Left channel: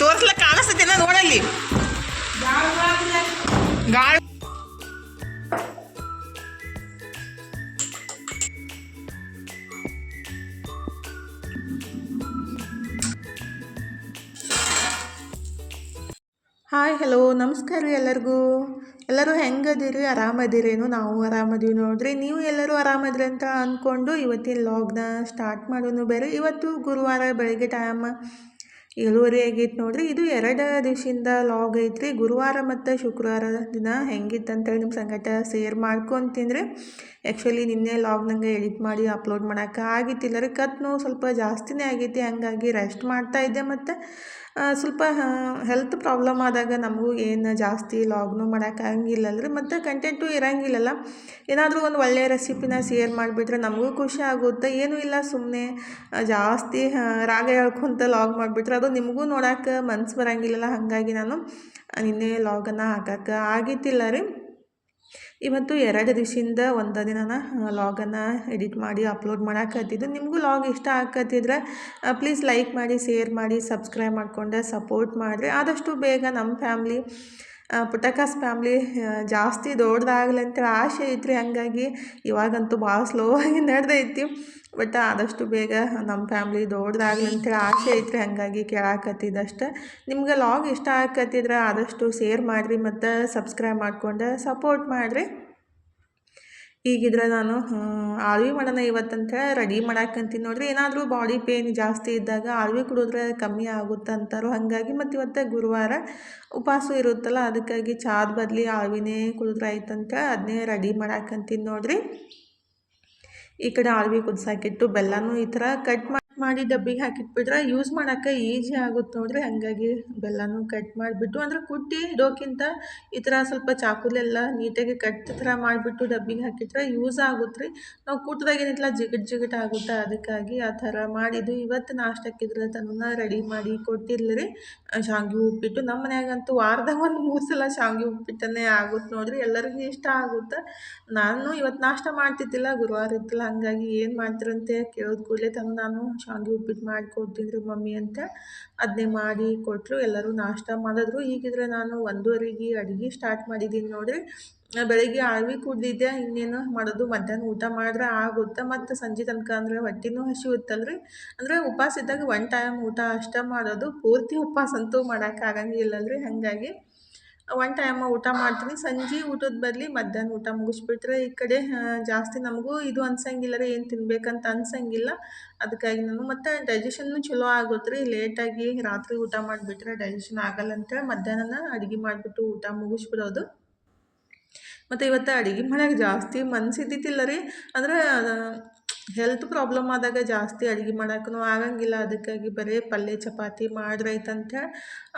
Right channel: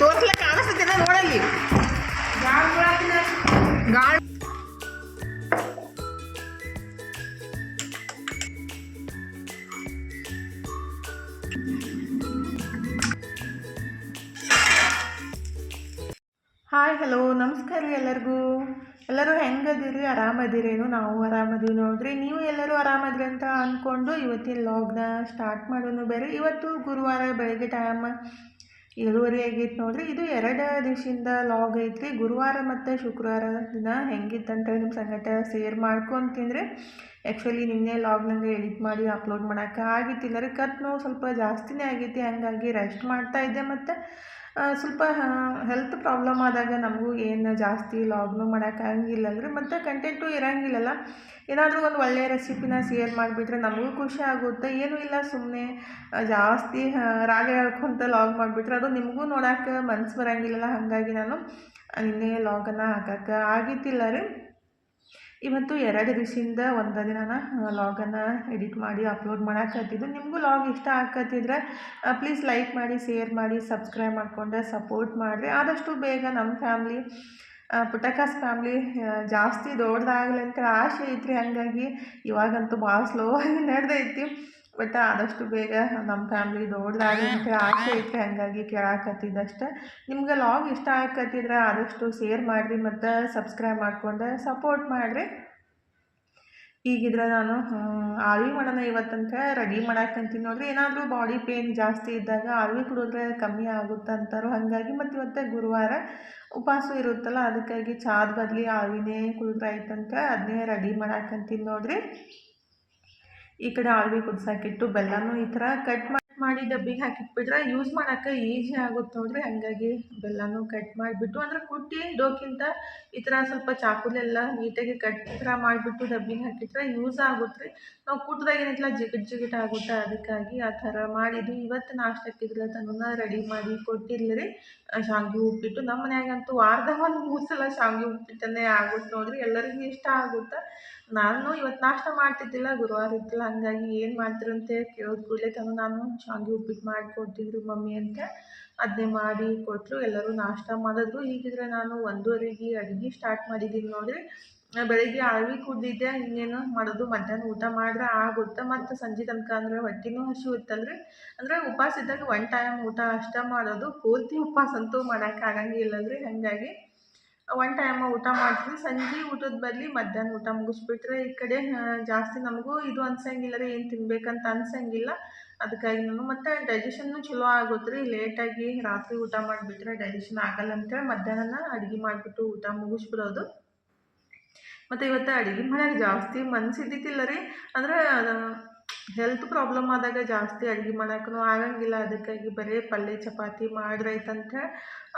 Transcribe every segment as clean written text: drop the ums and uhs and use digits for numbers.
ತೋರಿಸ್ಲಕ್ಕ ಕಾಣಿಸ್ತೇನ ನೋಡಲ್ಲಿ ಗಾಳಿ. Hi hello ನಮಸ್ಕಾರ ರೀ ಎಲ್ಲರಿಗೂ. ಎಲ್ಲರೂ ಹೆಂಗದಿರಿ? ಆರಾಮದಿರೇನು? ನಾವು ಆರಾಮದೀವಿ ನೋಡ್ರಿ. ನೀವು ಎಲ್ಲರೂ ಆರಾಮದ್ರಿ ಅಂತ ಅಂದ್ಕೊಂಡು ಇವತ್ತಿನ ಲಾಗ್ನ ಸ್ಟಾರ್ಟ್ ಮಾಡೋನು ಬೇರೆ. ಇವತ್ತು ಗುರುವಾರ ಬೆಳಗ್ಗೆ ಟೈಮ್ 7:30 ಆಗೈತೆ ನೋಡ್ರಿ. ಇದು 2 ದಿವಸದಿಂದ ಲಾಗ್ ಐತ್ರಿ. ಗುರುವಾರ ಮತ್ತು ಶುಕ್ರವಾರ ದಿನ ಹೆಂಗಿತ್ತಂತೇಳಿ ನಿಮ್ಮ ಸಂಗಟ ಶೇರ್ ಮಾಡ್ಕೊತೀನಿ. ಆ್ಯಕ್ಚುಲಿ ನಿನ್ನೆ ಲಾಗ್ ನಂಗೆ ಎಡಿಟ್ ಮಾಡಿ ಅಪ್ಲೋಡ್ ಮಾಡೋಕೆ ಆಗಿತ್ತಿಲ್ಲ ರೀ. ಕತ್ ನೋವು ಸ್ವಲ್ಪ ಜಾಸ್ತಿನೇ ಆಗೈತಿ, ಹಾಗಾಗಿ ರೆಸ್ಟ್ ಮಾಡ್ತಾಯಿದ್ದೆ. ಮತ್ತು ಸ್ವಲ್ಪ ಹೆಲ್ತ್ ಪ್ರಾಬ್ಲಮ್ ಆದಾಗ ನಮಗೂ ಏನು ಜಾಸ್ತಿ ಲಾಗ್ನು ಮಾಡೋಕ್ಕಾಗಂಗಿಲ್ಲಲ್ರಿ, ಮತ್ತು ಕಂಟೆಂಟು ಇರೋಂಗಿಲ್ಲಲ್ಲ. ಏನಾದರೂ ಒಂದು ಒಳ್ಳೆಯ ರೆಸಿಪಿನ ಶೇರ್ ಮಾಡಿಬಿಟ್ರೆ ನಮಗೂ ಖುಷಿ ಆಗುತ್ತೆ. ಏನೂ ಇಲ್ಲ, ಸುಮ್ಮನೆ ಜಾಸ್ತಿ ರಾಗ ಹೇಳ್ಕೊತ ಲಾಗ್ ಮಾಡಿಬಿಟ್ರೆ ಅದು ನಿಮಗೂ ನೋಡೋಕೆ ಮನ್ಸು ಬರೋಂಗಿಲ್ಲಲ್ಲ. ಹಾಗಾಗಿ ನಾನು ನಿನ್ನೆ ಲಾಗನ್ನು ಹಾಕೋಕ್ಕೆ ಆಗಿತ್ತಿಲ್ಲ ರೀ. ಇವತ್ತು 2 ದಿವಸದಿಂದ ಒಂದು ದಿನ ಲಾಗನ್ನು ಎಡಿಟ್ ಮಾಡಿ ಅಪ್ಲೋಡ್ ಮಾಡೋಕತ್ತಿದ್ದು. ನಿಮಗೂ ಲಾಗ್ ಇಷ್ಟ ಆಕತ್ತಿದ್ರೆ ಪ್ಲೀಸ್ ಲೈಕ್ ಮಾಡಿ, ಶೇರ್ ಮಾಡಿ, ಸಬ್ಸ್ಕ್ರೈಬ್ ಮಾಡಿಕೊಂಡು ಸಪೋರ್ಟ್ ಮಾಡಿರಿ. ಆದಷ್ಟು ಬೇಗ ನಮ್ಮ ಫ್ಯಾಮ್ಲಿ ಪುಟ್ಟಕಾಸ್ ಫ್ಯಾಮ್ಲಿ ಜಾಸ್ತಿ ದೊಡ್ಡದಾಗಲಿ ಅಂತೇಳಿ ಆಸೆ ಐತ್ರಿ. ಹಾಗಾಗಿ ಇವಾಗಂತೂ ಭಾಳ ಸ್ಲೋ ಆಗಿ ನಡೆದೈತಿ, ಬಟ್ ಆದಷ್ಟು ಬೇಗ ನಮ್ಮ ಫ್ಯಾಮ್ಲಿ ದೊಡ್ಡದಾಗಲಿ ಅಂತೇಳಿ ಆಸೆ ಐತ್ರಿ. ಹಾಗಾಗಿ ಕೇಳಾಕತ್ತಿದ್ದಷ್ಟೆ. ನಿಮ್ಗೆ ಲಾಗ್ ಇಷ್ಟ ಆಕತ್ತಿದ್ರೆ ಆದಷ್ಟು ಶೇರ್ ಮಾಡಿರಿ ಮತ್ತು ಸಬ್ಸ್ಕ್ರೈಬ್ ಮಾಡ್ಕೊಂಡು ಸಪೋರ್ಟ್ ಮಾಡಿರಿ. ಈಗಿದ್ರೆ ನಾನು ಆಳ್ವಿ ಮಾಡೋಣ ಇವತ್ತಂತ ರೆಡಿ ಮಾಡಾಕಂತೀನಿ ನೋಡ್ರಿ. ಏನಾದರೂ ಬಾಡಿ ಪೇಯ್ನ್ ಜಾಸ್ತಿ ಇದ್ದಾಗ ಆಳ್ವಿ ಕುಡಿದ್ರೆ ಕಮ್ಮಿ ಆಗುತ್ತೆ ಅಂತಾರೋ, ಹಾಗಾಗಿ ಮತ್ತು ಇವತ್ತು ಗುರುವಾರ ಉಪವಾಸ ಇರುತ್ತಲ್ಲ, ಅದಕ್ಕಾಗಿ ಚಾದ ಬದಲಿ ಆಳ್ವಿನೇ ಕುಡಿದ್ರೆ ಆಯ್ತಂತ ಅದನ್ನೇ ರೆಡಿ ಮಾಡಾಕಂತೀನಿ ನೋಡ್ರಿ. ಈ ಕಡೆ ಆಳ್ವಿ ಕುದಿಸಾಕಿಟ್ಟು ಬೆಲ್ಲನೂ ಈ ಥರ ಕಟ್ ಮಾಡಿ ಡಬ್ಬಿಗೆ ಹಾಕಿಟ್ಬಿಟ್ರೆ ಯೂಸ್ ಮಾಡೋಕ್ಕೆ ಈಸಿ ಆಗುತ್ತೆ ನೋಡ್ರಿ. ಹಾಗಾಗಿ ಬೆಲ್ಲನೂ ಕಟ್ ಮಾಡಿಬಿಟ್ಟು, ಅಂದರೆ ಕುಟ್ಟಿ ಇಡೋಕ್ಕಿಂತ ಈ ಥರ ಸ್ವಲ್ಪ ಚಾಕುಲೆಲ್ಲ ನೀಟಾಗಿ ಕಟ್ ಥರ ಮಾಡಿಬಿಟ್ಟು ಡಬ್ಬಿಗೆ ಹಾಕಿಟ್ರೆ ಯೂಸ್ ಆಗುತ್ತೆ ರೀ. ನಾವು ಕುಟ್ಟಿದಾಗ ಏನಿಲ್ಲ ಜಿಗಟ್ ಆಗುತ್ತೆ, ಅದಕ್ಕಾಗಿ ಆ ಥರ ಮಾಡಿದ್ದು. ಇವತ್ತು ನಾಷ್ಟಕ್ಕಿದ್ರೆ ತನ್ನ ರೆಡಿ ಮಾಡಿ ಕೊಟ್ಟಿರ್ಲಿ ರೀ. ಶಾವ್ಗೆ ಉಪ್ಪಿಟ್ಟು ನಮ್ಮ ಮನ್ಯಾಗಂತೂ ವಾರದಾಗ ಒಂದು 3 ಸಲ ಶಾವ್ಗೆ ಉಪ್ಪಿಟ್ಟನ್ನೇ ಆಗುತ್ತೆ ನೋಡ್ರಿ. ಎಲ್ಲರಿಗೂ ಇಷ್ಟ ಆಗುತ್ತೆ. ನಾನು ಇವತ್ತು ನಾಷ್ಟ ಮಾಡ್ತಿದ್ದಿಲ್ಲ, ಗುರುವಾರ ಇತ್ತಲ್ಲ, ಹಾಗಾಗಿ ಏನು ಮಾಡ್ತೀರಂತ ಕೇಳಿದ ಕೂಡಲೇ ನಾನು ಶಾವ್ಗೆ ಉಪ್ಪಿಟ್ಟು ಮಾಡಿಕೊಡ್ತಿದ್ರು ಮಮ್ಮಿ ಅಂತ. ಅದನ್ನೇ ಮಾಡಿ ಕೊಟ್ಟರು, ಎಲ್ಲರೂ ನಾಷ್ಟ ಮಾಡಿದ್ರು. ಹೀಗಿದ್ರೆ ನಾನು 1:30ಗೆ ಅಡುಗೆ ಸ್ಟಾರ್ಟ್ ಮಾಡಿದ್ದೀನಿ ನೋಡಿರಿ. ಬೆಳಗ್ಗೆ ಆಳ್ವಿ ಕುಡ್ದಿದ್ದೆ, ಇನ್ನೇನು ಮಾಡೋದು, ಮಧ್ಯಾಹ್ನ ಊಟ ಮಾಡಿದ್ರೆ ಆಗುತ್ತೆ. ಮತ್ತು ಸಂಜೆ ತನಕ ಅಂದರೆ ಹೊಟ್ಟೆನೂ ಹಸಿಯುತ್ತಲ್ರಿ. ಅಂದರೆ ಉಪವಾಸ ಇದ್ದಾಗ 1 ಟೈಮ್ ಊಟ ಅಷ್ಟೇ ಮಾಡೋದು, ಪೂರ್ತಿ ಉಪವಾಸ ಅಂತೂ ಮಾಡೋಕ್ಕಾಗಂಗಿಲ್ಲಲ್ರಿ. ಹಾಗಾಗಿ 1 ಟೈಮ್ ಊಟ ಮಾಡ್ತೀನಿ. ಸಂಜೆ ಊಟದ ಬದಲಿ ಮಧ್ಯಾಹ್ನ ಊಟ ಮುಗಿಸ್ಬಿಟ್ರೆ ಈ ಕಡೆ ಜಾಸ್ತಿ ನಮಗೂ ಇದು ಅನ್ಸಂಗಿಲ್ಲ ರೀ, ಏನು ತಿನ್ಬೇಕಂತ ಅನ್ಸಂಗಿಲ್ಲ. ಅದಕ್ಕಾಗಿ ನಾನು ಮತ್ತು ಡೈಜೆಷನ್ನು ಚಲೋ ಆಗುತ್ತೆ ರೀ. ಲೇಟಾಗಿ ರಾತ್ರಿ ಊಟ ಮಾಡಿಬಿಟ್ರೆ ಡೈಜೆಷನ್ ಆಗಲ್ಲ ಅಂತೇಳಿ ಮಧ್ಯಾಹ್ನ ಅಡುಗೆ ಮಾಡಿಬಿಟ್ಟು ಊಟ ಮುಗಿಸ್ಬಿಡೋದು. ಮತ್ತು ಇವತ್ತು ಅಡುಗೆ ಮನೆಯಾಗ ಜಾಸ್ತಿ ಮನಸ್ಸಿದ್ದಿತ್ತಿಲ್ಲ ರೀ. ಅಂದರೆ ಹೆಲ್ತ್ ಪ್ರಾಬ್ಲಮ್ ಆದಾಗ ಜಾಸ್ತಿ ಅಡುಗೆ ಮಾಡೋಕ್ಕೂ ಆಗಂಗಿಲ್ಲ. ಅದಕ್ಕಾಗಿ ಬರೀ ಪಲ್ಯ ಚಪಾತಿ ಮಾಡಿದ್ರಾಯ್ತಂತ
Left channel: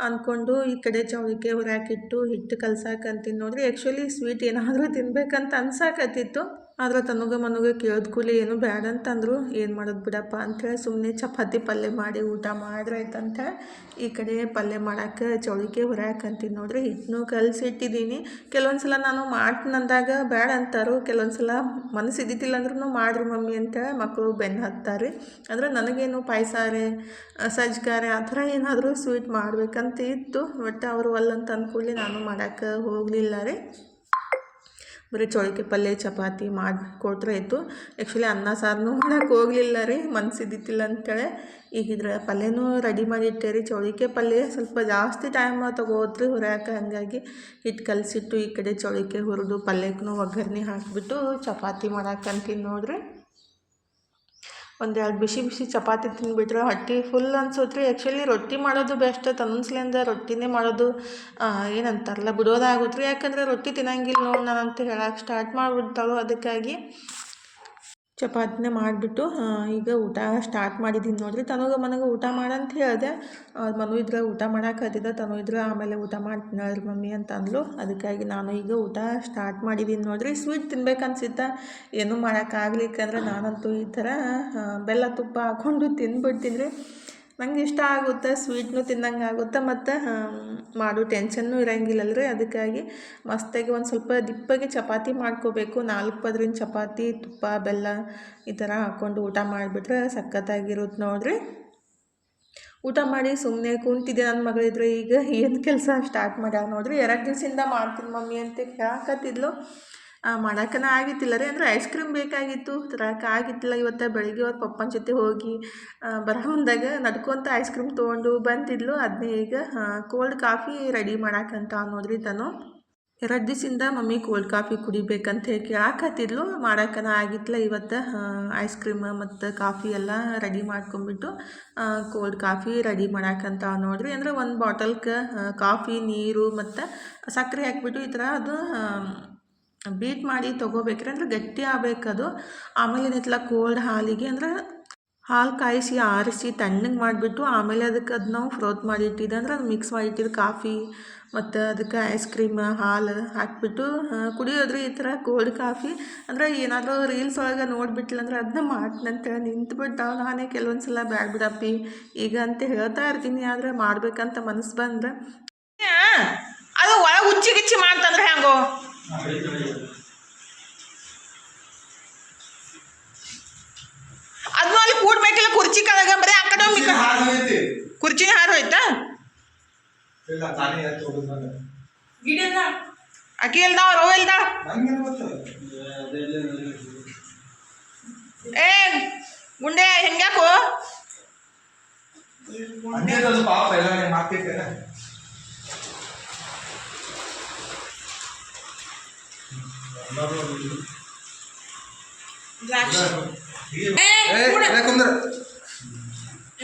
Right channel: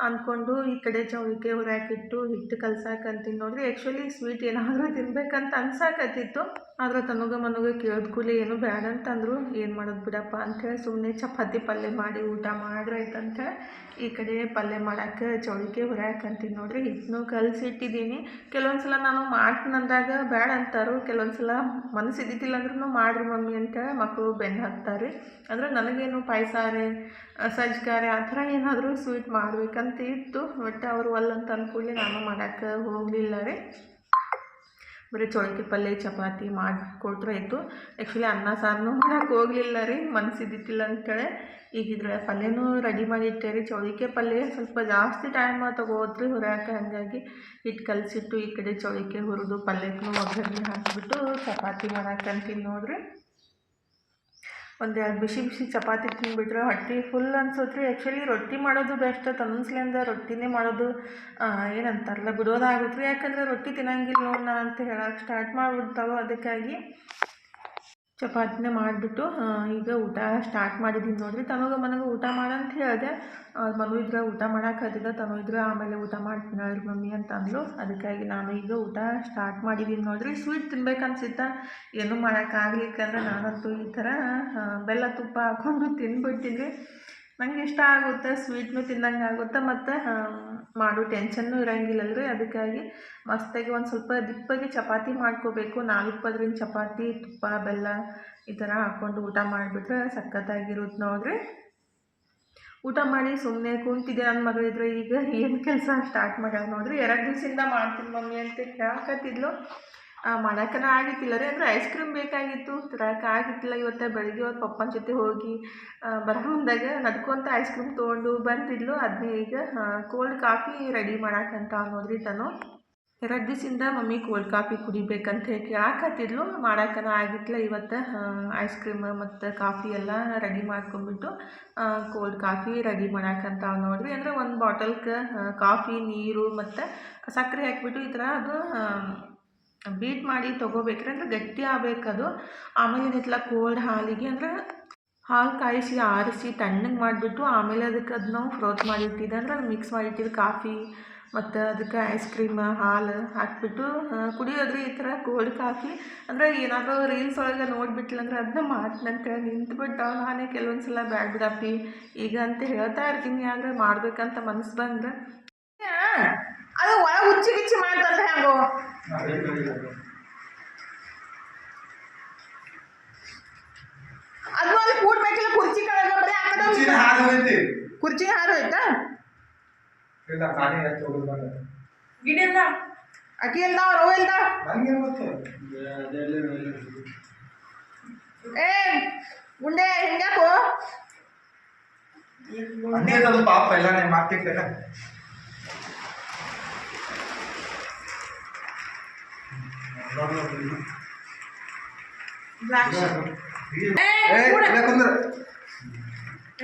ಅಂದ್ಕೊಂಡು ಈ ಕಡೆ ಚೌಳಿಕೆ ಹುರಿಯಾಕಿಟ್ಟು ಹಿಟ್ಟು ಕಲ್ಸಾಕಂತೀನಿ ನೋಡ್ರಿ. ಆ್ಯಕ್ಚುಲಿ ಸ್ವೀಟ್ ಏನಾದರೂ ತಿನ್ಬೇಕಂತ ಅನ್ಸಾಕತ್ತಿತ್ತು, ಆದರೆ ಮನುಗೆ ಕೇಳಿದ ಕೂಲಿ ಏನು ಬೇಡ ಅಂತಂದರು. ಏನು ಮಾಡೋದು ಬಿಡಪ್ಪ ಅಂಥೇಳಿ ಸುಮ್ಮನೆ ಚಪಾತಿ ಪಲ್ಯ ಮಾಡಿ ಊಟ ಮಾಡಿದ್ರಾಯ್ತಂತ ಈ ಕಡೆ ಪಲ್ಯ ಮಾಡೋಕ್ಕೆ ಚೌಳಿಕೆ ಹುರಿಯಾಕಂತೀನಿ ನೋಡ್ರಿ. ಹಿಟ್ಟನ್ನು ಕಲಸಿಟ್ಟಿದ್ದೀನಿ. ಕೆಲವೊಂದು ಸಲ ನಾನು ಮಾಡ್ತೀನಂದಾಗ ಬೇಡ ಅಂತಾರು, ಕೆಲವೊಂದು ಸಲ ಮನಸ್ಸಿದ್ದಿತ್ತಿಲ್ಲ ಅಂದ್ರೂ ಮಾಡ್ರಿ ಮಮ್ಮಿ ಅಂತೇಳಿ ಮಕ್ಕಳು ಬೆನ್ನು ಹತ್ತಾರೆ. ಅಂದರೆ ನನಗೇನು ಪಾಯಸಾರೆ ಸಜ್ಜಿಗಾರೆ ಆ ಥರ ಏನಾದರೂ ಸ್ವೀಟ್ ಮಾಡ್ಬೇಕಂತ ಇತ್ತು, ಬಟ್ ಅವರು ಅಲ್ಲಂತ ಅಂದ್ಕೂಡಲೇ ನಾನು ಮಾಡೋಕ್ಕೆ ಹೋಗಲಿಲ್ಲ ರೀ. ಬರೀ ಚೌಳಿಕೆ ಪಲ್ಯ ಚಪಾತಿ ಮಾಡಿಕೊಟ್ರೆ ಆಯಿತು. ಆ್ಯಕ್ಚುಲಿ ಅನ್ನ ಸಾರನ್ನೂ ಮಾಡೋಕ್ಕೆ ಹೋಗಲಿಲ್ಲ ರೀ, ಮನಸ್ಸಿದ್ದಿತ್ತಿಲ್ಲ ಅಂತೇಳಿ. ಈಗಿದ್ರೆ ಪಲ್ಯನೂ ರೆಡಿ ಮಾಡಿ ಇಟ್ಟೆ ರೀ. ಚೌಳಿಕೆ ಪಲ್ಯ ಸ್ವಲ್ಪ ಜಾಸ್ತಿ ಟೈಮ್ ತೊಗೋತ್ರಿ ಹುರಿಯಾಕೆ, ಹಾಗಾಗಿ ಹಿಟ್ಟು ಕಲಸಿಟ್ಟು ಈ ಕಡೆ ಚೌಳಿಕೆ ಹುರಿದು ಪಲ್ಯಕ್ಕೂ ಒಗ್ಗರಣೆ ಹಾಕಿಬಿಟ್ಟು ಚಪಾತಿ ಮಾಡಾಕಂತೀನಿ ನೋಡ್ರಿ. 1-2 ಬಿಸಿ ಚಪಾತಿ ತಿಂದುಬಿಟ್ರೆ ಹೊಟ್ಟೆ ಫುಲ್ ಅನ್ಸುತ್ತೆ ರೀ. ಆ್ಯಕ್ಚುಲಿ ರೊಟ್ಟಿ ಮಾಡೋದು ಬೆಸ್ಟ್, ತನ್ನಸ್ಲಿಂದ ರೊಟ್ಟಿನೇ ಮಾಡೋದು ಏನಂತಾರಲ್ಲ ಬಿಡೋದಾಗುತ್ತೆ ರೀ. ಯಾಕಂದರೆ ರೊಟ್ಟಿ ತಿನ್ನಂಗಿಲ್ಲ ನೋಡಿ ನಾನು ಅಂತ ಹೇಳಕ್ಕೆ ಸ್ಟಾರ್ಟ್ ಮಾಡಿಬಿಡ್ತಾಳು. ಅದಕ್ಕಾಗಿ ಚಪಾತಿನೇ ಮಾಡಿಬಿಟ್ಟು ಈಗ ಊಟ ಸ್ಟಾರ್ಟ್ ಮಾಡಿದ್ದೀನಿ ನೋಡಿರಿ. ಮನಗೆ ಊಟ ಮಾಡಂತ ಹೇಳಿದೆ. ಮನು ಇದ್ರೆ ಊಟ ಮಾಡೋಕತ್ತಿದ್ದ, ಇದ್ರೆ ಆಮೇಲೆ ಊಟ ಮಾಡ್ತೀನಿ ಹೇಳ್ರಿ ಮಮ್ಮಿ ಅಂತ ಅಂದ್ಲು. ಅದಕ್ಕಾಗಿ ನಾನು ಈಗ ಊಟ ಸ್ಟಾರ್ಟ್ ಮಾಡಿದ್ದೀನಿ ನೋಡಿರಿ. ಸ್ವೀಟ್ ತಿನ್ಬೇಕನ್ಸಿತ್ತ, ಏನೂ ಮಾಡೋಕ್ಕಾಗ್ಲಿಕ್ಕಂದ್ರೆ ನಾನಂತೂ ಈ ಥರ ಬೆಲ್ಲ ತುಪ್ಪ ಹಾಕ್ಕೊಂಡು ತಿಂದ್ಬಿಡ್ತೀನಿ ರೀ. ನಂಗೆ ಇಷ್ಟ ಆಗುತ್ತೆ, ಸ್ವೀಟ್ನು ತಿನ್ನಂಗೆ ಆಗುತ್ತೆ ಮತ್ತು ಮಾಡೋ ಟೆನ್ಷನ್ನೂ ಇರೋಂಗಿಲ್ಲಲ್ರಿ. ಅದಕ್ಕಾಗಿ ಮಸ್ತಾಗಿ ಒಂದು ಸ್ವಲ್ಪ ದಿಪ್ಪಗೆ ಚಪಾತಿ ಮಾಡ್ಕೋಬೇಕು. 4 ಪದರಿನ ಚಪಾತಿ, ತುಪ್ಪ ಬೆಲ್ಲ ಈ ಥರ ಹಾಕ್ಕೊಂಡು ಊಟ ಮಾಡಿಬಿಟ್ರೆ ಸಖತ್ತಾಗಿರುತ್ತೆ ನೋಡಿರಿ. ಊಟ ಮಾಡಿ ಸುಮ್ಮನೆ ಕುಂತಿದ್ದೆ. ನನ್ನ ಮಗಳಿದ್ರೆ ಈಗ ಏನು ಕೆಲಸ ಸ್ಟಾರ್ಟ್ ಮಾಡ ನೋಡಿರಿ. 2 ದಿವಸದಿಂದ ಮಾಡ್ತೀನಿ ಮಮ್ಮಿ ಅಂತ ಹೇಳಕತ್ತಿದ್ಲು. ಮಾಡೋಕ್ಕನ ಆಗಿತ್ತಿಲ್ಲ ರೀ, ಅಂದರೆ ಐಸ್ ಕ್ರೀಮ್ ಬೇಕಾಗಿತ್ತು, ತರಕ್ಕೆ ಆಗಿತ್ತಿಲ್ಲ. ಇವತ್ತು ಬೆಳಗ್ಗೆ ಪಪ್ಪನ ಜೊತೆ ಹೋಗಿ ಬರೋ ಮುಂದಾಗ ನಡ್ಕೊತ ಐಸ್ ಕ್ರೀಮ್ ತೊಗೊಂಡು ಬಂದಿದ್ಲು. ಅದನ್ನೇ ಈಗ ಕೋಲ್ಡ್ ಕಾಫಿ ರೆಡಿ ಮಾಡಕ್ಕಂತ ನೋಡ್ರಿ. ತಾನು 2 ದಿವಸದಿಂದ ಮಮ್ಮಿ ಕೋಲ್ಡ್ ಕಾಫಿ ಕುಡಿಬೇಕಂತ ಕೇಳಾಕತ್ತಿದ್ಲು. ಮಾಡೋಕ್ಕನ ಆಗಿತ್ತಲ್ಲ. ಇವತ್ತು ಐಸ್ ಕ್ರೀಮ್ ಮತ್ತು ಕಾಫಿ ಎಲ್ಲ ರೆಡಿ ಮಾಡ್ಕೊಂಬಿಟ್ಟು ಕೋಲ್ಡ್ ಕಾಫಿ ರೆಡಿ ಮಾಡಕ್ಕಂತ ನೋಡ್ರಿ. ಅಂದರೆ ಒಂದು ಬಾಟಲ್ಗೆ ಕಾಫಿ, ನೀರು ಮತ್ತು ಸಕ್ಕರೆ ಹಾಕ್ಬಿಟ್ಟು ಈ ಥರ ಅದು ಬೀಟ್ ಮಾಡಿ ತೊಗೋಬೇಕ್ರಿ. ಅಂದರೆ ಗಟ್ಟಿ ಆಗಬೇಕದು. ಆಮೇಲೆ ಏನಿತ್ತಲ್ಲ ಕೋಲ್ಡ್ ಹಾಲಿಗೆ ಅಂದ್ರೆ ಹಾಲು ಕಾಯಿಸಿ ಆರಿಸಿ ತಣ್ಣಗೆ ಮಾಡಿಬಿಟ್ಟು ಆಮೇಲೆ ಅದಕ್ಕೆ ಅದನ್ನ ಫ್ರೋತ್ ಮಾಡಿಟ್ಟಿದ್ದೆ. ಅಂದ್ರೆ ಅದು ಮಿಕ್ಸ್ ಮಾಡಿಟ್ಟಿದ್ದು ಕಾಫಿ ಮತ್ತು ಅದಕ್ಕೆ ಐಸ್ ಕ್ರೀಮ್, ಹಾಲು ಹಾಕಿಬಿಟ್ಟು ಕುಡಿಯೋದ್ರಿ. ಈ ಥರ ಕೋಲ್ಡ್ ಕಾಫಿ ಅಂದರೆ ಏನಾದರೂ ರೀಲ್ಸ್ ಒಳಗೆ ನೋಡಿಬಿಟ್ಲಂದ್ರೆ ಅದನ್ನ ಮಾಡ್ತೀನಂತೇಳಿ ನಿಂತ್ಬಿಟ್ಟು ನಾನೇ ಕೆಲವೊಂದು ಸಲ ಬ್ಯಾಡ ಬಿಡಪ್ಪಿ ಈಗ ಅಂತ ಹೇಳ್ತಾ ಇರ್ತೀನಿ. ಆದರೆ ಮಾಡ್ಬೇಕಂತ ಮನಸ್ಸು ಬಂದ್ರೆ ಅದು ಒಳಗೆ ಹುಚ್ಚಿ ಗಿಚ್ಚಿ ಮಾಡ್ತಂದ್ರೆ ಹೆಂಗೋ ಅದನ್ನು ಅಲ್ಲಿ ಕೂಡ್ಬೇಕಿಲ್ಲ. ಕುರ್ಚಿ ಕೆಳಗೆ ಬರೀ ಆ ಕಡೆ ಕುರ್ಚಿನ ಹಾರು ಹೋಯ್ತಾ ಅಕ್ಕಿ ಇಲ್ದಾವ ರವೆ ಇಲ್ದಾವ. ಏ ಗುಂಡೆ ಹೆಂಗ್ಯಾಕೋ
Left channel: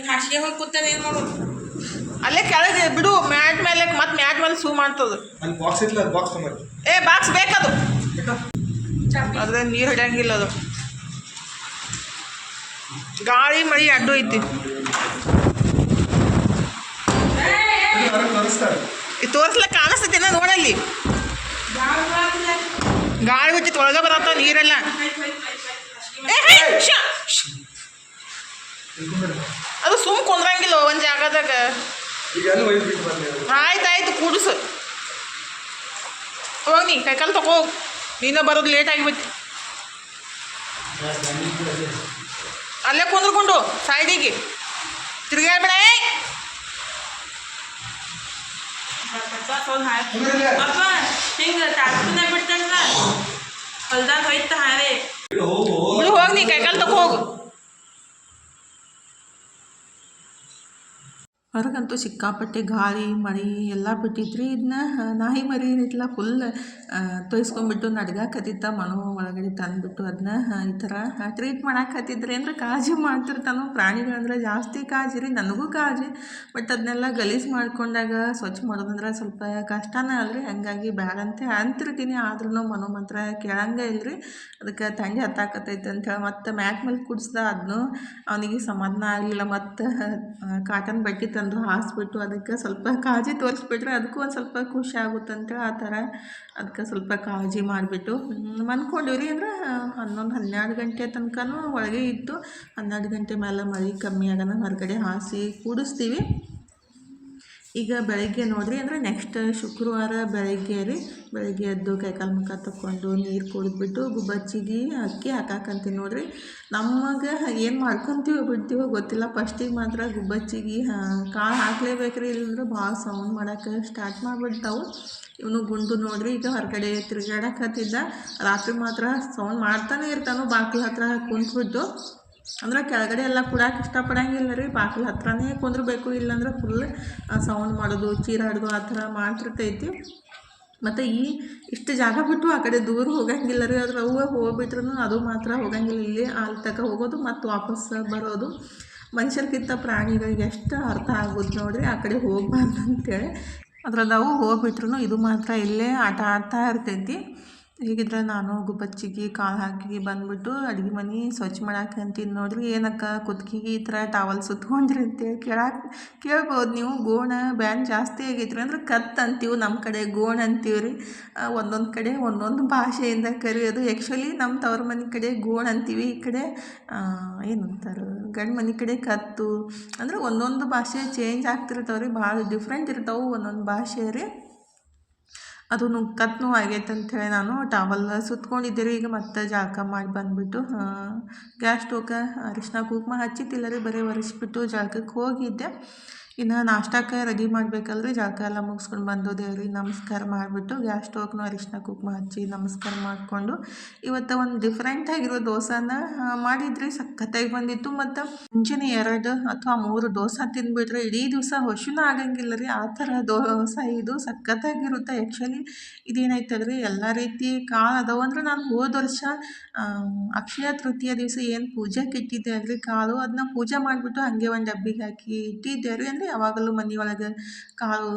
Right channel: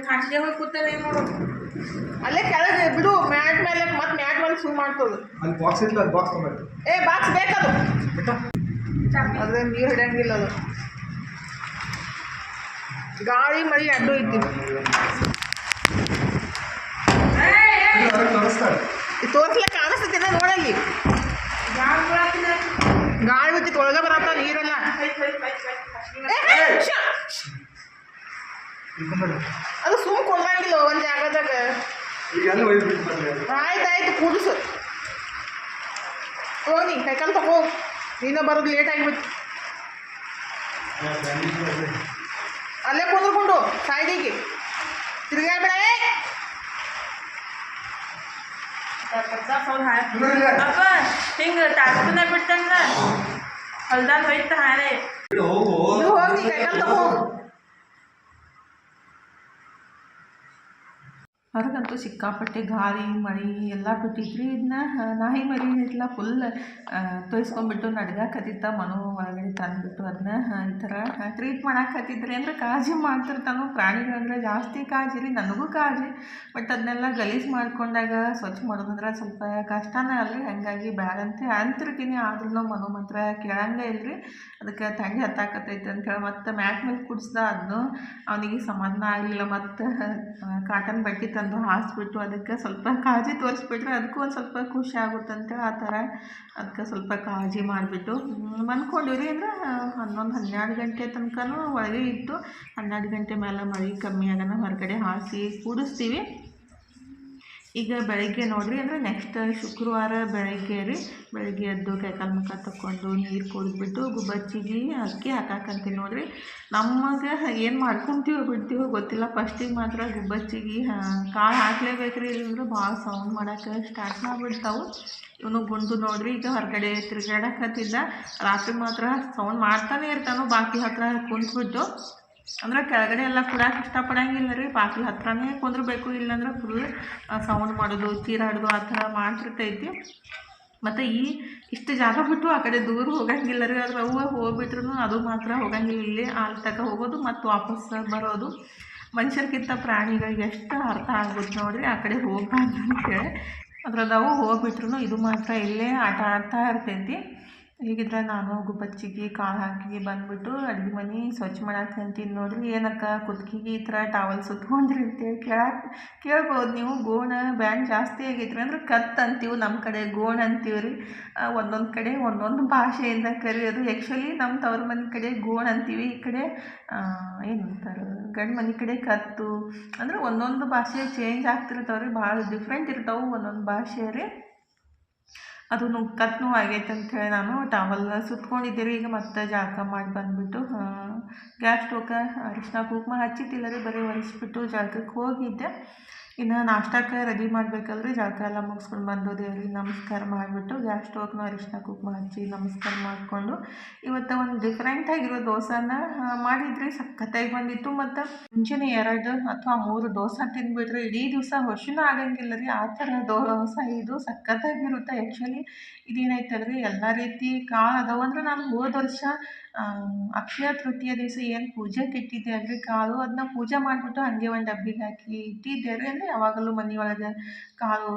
ಹಾಸಿಗೆ ಹೋಗಿ ಕೂತದ ಏನು ನೋಡು. ಅಲ್ಲೇ ಕೆಳಗೆ ಬಿಡು, ಮ್ಯಾಟ್ ಮೇಲೆ ಮತ್ತೆ ಮ್ಯಾಟ್ ಮೇಲೆ ಸೂ ಮಾಡ್ತದ. ಏ ಬಾಕ್ಸ್ ಬೇಕದು, ಅದ್ರ ನೀರು ಹಿಡಿಯಂಗಿಲ್ಲ. ಅದು ಗಾಳಿ ಮಳಿ ಅಡ್ಡು ಐತಿ. ತೋರಿಸ್ಲಕ್ಕ ಕಾಣಿಸ್ತೈತಿನ ನೋಡಲ್ಲಿ. ಗಾಳಿ ಬಿಟ್ಟಿತ್ತು ಒಳಗೆ ಬರತ್ತಾವ ನೀರೆಲ್ಲ. ಅದು ಸುಮ್ಮ ಕುಂದ್ರಂಗಿಲ್ಲ ಒಂದು ಜಾಗದಾಗ. ಆಯ್ತಾಯ್ತು ಕೂಡಿಸು ಹೋಗಿ ಕೈಕಾಲು ತಗೋ. ನೀನು ಬರೋದು ಲೇಟ್ ಆಗಿಬಿಟ್ಟು ಅಲ್ಲೇ ಕುಂದ್ರಕೊಂಡು ಸೈಡಿಗೆ ತಿರ್ಗಾಡ್ಬೇಡ. ಹಿಂಗೆ ತಾಡ್ತಾನೆ ಬಿಡ್ತಂಗ ಹೊಲ್ದಾಗ ಹೋಯ್ತ ಹಾರೆ ಬಿಡು. ಹೋಗಿ ನೀ ಕೈಕಾಲು ತಗೋ ಹೋಗು. ಹೊರಗಂತೂ ಸಿಕ್ಕಾಪಟ್ಟೆ ಗಾಳಿ ಮಳೆ ಎಲ್ಲ ಬಿಟ್ಟಿದ್ರಿ. ಇದನ್ನ ನಾಯಿ ಮರಿ ಏನಿತ್ತಲ್ಲ ಫುಲ್ ತೊಯ್ಸ್ಕೊಂಡ್ಬಿಟ್ಟು ನಡ್ಗಾಕತ್ತಿತ್ತ. ಮನು ಒಳಗಡೆ ತಂದುಬಿಟ್ಟು ಅದನ್ನ ಈ ಥರ ಟ್ರೀಟ್ ಮಾಡಾಕತ್ತಿದ್ರಿ. ಅಂದರೆ ಕಾಳಜಿ ಮಾಡ್ತಿರ್ತಾನೋ. ಪ್ರಾಣಿಗಳಂದ್ರೆ ಜಾಸ್ತಿ ಕಾಳಜಿ ರೀ, ನನಗೂ ಕಾಳಜಿ. ಬಟ್ ಅದನ್ನೆಲ್ಲ ಗಲೀಜು ಮಾಡ್ಕೊಂಡಾಗ ಸ್ವಚ್ಛ ಮಾಡೋದಂದ್ರೆ ಸ್ವಲ್ಪ ಕಷ್ಟನೇ ಅಲ್ರಿ. ಹಾಗಾಗಿ ಬ್ಯಾಡಂತೆ ಅಂತಿರ್ತೀನಿ. ಆದ್ರೂ ಮನು ಮಾತ್ರ ಕೇಳಂಗೆ ಇಲ್ರಿ. ಅದಕ್ಕೆ ತಂಡಿ ಹತ್ತಾಕತ್ತೈತೆ ಅಂತೇಳಿ ಮತ್ತೆ ಮ್ಯಾಟ್ ಮೇಲೆ ಕುಡಿಸ್ದ. ಅದನ್ನು ಅವನಿಗೆ ಸಮಾಧಾನ ಆಗಲಿಲ್ಲ. ಮತ್ತು ಕಾಟನ್ ಬಟ್ಟೆ ತಂದು ಹಾಸ್ಬಿಟ್ಟು ಅದಕ್ಕೆ ಸ್ವಲ್ಪ ಕಾಳಜಿ ತೋರಿಸ್ಬಿಟ್ರೆ ಅದಕ್ಕೂ ಒಂದು ಸ್ವಲ್ಪ ಖುಷಿ ಆಗುತ್ತೆ ಅಂತೇಳಿ ಆ ಥರ ಅದಕ್ಕೆ ಸ್ವಲ್ಪ ಕಾಳಜಿ ಮಾಡಿಬಿಟ್ಟು ಮನ್ಕೊಂಡಿವ್ರಿ. ಅಂದ್ರೆ 11-12 ಗಂಟೆ ತನಕನೂ ಒಳಗೆ ಇತ್ತು. 12 ಗಂಟೆ ಮೇಲೆ ಮಳೆ ಕಮ್ಮಿ ಆಗೋಣ ಹೊರಗಡೆ ಹಾಸಿ ಕೂಡಿಸ್ತೀವಿ. ಈಗ ಬೆಳಗ್ಗೆ ನೋಡಿರಿ, ಅಂದರೆ ನೆಕ್ಸ್ಟ್ ಶುಕ್ರವಾರ ಬೆಳಗ್ಗೆ ರೀ. ಬೆಳಗ್ಗೆ ಎದ್ದು ಕೈಕಾಲು ಮುಖ ತಕ್ಕೊಂಡು ನೀರು ಕುಡಿದ್ಬಿಟ್ಟು ಗುಬ್ಬಚ್ಚಿಗೆ ಅಕ್ಕಿ ಹಾಕಾಕಂತೀನಿ ನೋಡಿರಿ. ನಮಗೆ ಏನು ಮಾಡ್ಕೊತೀವೋ ಬಿಡ್ತೀವೋ ಗೊತ್ತಿಲ್ಲ. ಫಸ್ಟಿಗೆ ಮಾತ್ರ ಗುಬ್ಬಚ್ಚಿಗೆ ಕಾಳು ಹಾಕ್ಲೇಬೇಕ್ರಿ, ಇಲ್ಲಂದ್ರೆ ಭಾಳ ಸೌಂಡ್ ಮಾಡೋಕ್ಕೆ ಸ್ಟಾರ್ಟ್ ಮಾಡಿಬಿಡ್ತಾವೆ. ಇವನು ಗುಂಡು ನೋಡಿರಿ ಈಗ ಹೊರಗಡೆ ತಿರುಗಾಡಕತ್ತಿದ್ದ. ರಾತ್ರಿ ಮಾತ್ರ ಸೌಂಡ್ ಮಾಡ್ತಾನೆ ಇರ್ತಾನೋ ಬಾಗಿಲು ಹತ್ರ ಕುಂತ್ಬಿಟ್ಟು. ಅಂದ್ರೆ ಕೆಳಗಡೆ ಎಲ್ಲ ಕೊಡಕ್ಕೆ ಇಷ್ಟಪಡಂಗಿಲ್ಲ ರೀ. ಬಾಗಿಲು ಹತ್ರನೇ ಕುಂದ್ರಬೇಕು, ಇಲ್ಲಾಂದ್ರೆ ಫುಲ್ ಸೌಂಡ್ ಮಾಡೋದು, ಚೀರಾಡೋದು ಆ ಥರ ಮಾಡ್ತಿರ್ತೈತಿ. ಮತ್ತು ಇಷ್ಟು ಜಾಗ ಬಿಟ್ಟು ಆ ಕಡೆ ದೂರ ಹೋಗಂಗಿಲ್ಲ ರೀ. ಅದ್ರ ಅವು ಹೋಗ್ಬಿಟ್ರು ಅದು ಮಾತ್ರ ಹೋಗಂಗಿಲ್ಲ. ಇಲ್ಲಿ ಅಲ್ಲಿ ತನಕ ಹೋಗೋದು ಮತ್ತು ವಾಪಸ್ ಬರೋದು. ಮನುಷ್ಯರ್ಕಿಂತ ಪ್ರಾಣಿಗಳಿಗೆ ಎಷ್ಟು ಅರ್ಥ ಆಗುತ್ತೆ ನೋಡಿರಿ ಆ ಕಡೆ ಹೋಗ್ಬಾರ್ದು ಅಂತೇಳಿ. ಅದ್ರದ್ದು ಅವು ಹೋಗ್ಬಿಟ್ರು ಇದು ಮಾತ್ರ ಇಲ್ಲೇ ಆಟ ಆಡ್ತಾ ಇರ್ತೈತಿ. ಹೀಗಿದ್ರೆ ನಾನು ಗುಬ್ಬಚ್ಚಿಗೆ ಕಾಳು ಹಾಕಿ ಬಂದ್ಬಿಟ್ಟು ಅಡುಗೆ ಮನೆ ಸ್ವಚ್ಛ ಮಾಡಕ್ಕೆ ಅಂತೀನಿ ನೋಡ್ರಿ. ಏನಕ್ಕ ಕುತ್ಕಿಗೆ ಈ ಥರ ಟವಲ್ ಸುತ್ಕೊಂಡ್ರಿ ಅಂತೇಳಿ ಕೇಳ್ಬೋದು ನೀವು. ಗೋಣ ಬ್ಯಾನ್ ಜಾಸ್ತಿ ಆಗೈತ್ರಿ ಅಂದ್ರೆ ಕತ್ ಅಂತೀವಿ, ನಮ್ಮ ಕಡೆ ಗೋಣ ಅಂತೀವಿ ರೀ. ಒಂದೊಂದು ಕಡೆ ಒಂದೊಂದು ಭಾಷೆಯಿಂದ ಕರೆಯೋದು. ಆ್ಯಕ್ಚುಲಿ ನಮ್ಮ ತವ್ರ ಮನೆ ಕಡೆ ಗೋಣ ಅಂತೀವಿ, ಈ ಕಡೆ ಏನಂತಾರೆ ಗಂಡು ಮನೆ ಕಡೆ ಕತ್ತು. ಅಂದ್ರೆ ಒಂದೊಂದು ಭಾಷೆ ಚೇಂಜ್ ಆಗ್ತಿರ್ತಾವೆ ರೀ, ಭಾಳ ಡಿಫ್ರೆಂಟ್ ಇರ್ತಾವೆ ಒಂದೊಂದು ಭಾಷೆ ರೀ. ಅದು ಕತ್ನೂ ಆಗೈತೆ ಅಂಥೇಳಿ ನಾನು ಟವಲ್ ಸುತ್ಕೊಂಡಿದ್ದೆ ರೀ. ಈಗ ಮತ್ತೆ ಜಳಕ ಮಾಡಿ ಬಂದುಬಿಟ್ಟು ಗ್ಯಾಸ್ ಸ್ಟೋವ್ಗೆ ಅರಿಶಿನ ಕುಂಕುಮ ಹಚ್ಚಿದ್ದಿಲ್ಲ ರೀ, ಬರೀ ಒರೆಸ್ಬಿಟ್ಟು ಜಳಕಕ್ಕೆ ಹೋಗಿದ್ದೆ. ಇನ್ನು ನಾಷ್ಟಕ್ಕೆ ರೆಡಿ ಮಾಡಬೇಕಲ್ರಿ. ಜಳಕ ಎಲ್ಲ ಮುಗಿಸ್ಕೊಂಡು ಬಂದು ದೇವ್ರಿಗೆ ನಮಸ್ಕಾರ ಮಾಡಿಬಿಟ್ಟು ಗ್ಯಾಸ್ ಸ್ಟೋವ್ಗೂ ಅರಿಶಿನ ಕುಂಕುಮ ಹಚ್ಚಿ ನಮಸ್ಕಾರ ಮಾಡಿಕೊಂಡು ಇವತ್ತು ಒಂದು ಡಿಫ್ರೆಂಟಾಗಿರೋ ದೋಸೆನ ಮಾಡಿದ್ರಿ. ಸಖತ್ತಾಗಿ ಬಂದಿತ್ತು. ಮತ್ತು ಮುಂಚೆನೇ 2 ಅಥವಾ 3 ದೋಸೆ ತಿಂದುಬಿಟ್ರೆ ಇಡೀ ದಿವಸ ಹಸಿನೂ ಆಗಂಗಿಲ್ಲ ರೀ, ಆ ಥರ ದೋಸೆ ಇದು ಸಖತ್ತಾಗಿರುತ್ತೆ. ಆ್ಯಕ್ಚುಲಿ ಇದೇನಾಯ್ತಲ್ರಿ, ಎಲ್ಲ ರೀತಿ ಕಾಳು ಅದಾವೆ ಅಂದ್ರೆ ನಾನು ಹೋದ ವರ್ಷ ಅಕ್ಷಯ ತೃತೀಯ ದಿವಸ ಏನು ಪೂಜೆಗೆ ಇಟ್ಟಿದ್ದೆ ಅಲ್ರಿ ಕಾಳು, ಅದನ್ನ ಪೂಜೆ ಮಾಡಿಬಿಟ್ಟು ಹಾಗೆ ಒಂದು ಡಬ್ಬಿಗೆ ಹಾಕಿ ಇಟ್ಟಿದ್ದೆ ರೀ. ಅಂದರೆ ಯಾವಾಗಲೂ ಮನೆಯೊಳಗೆ ಕಾಳು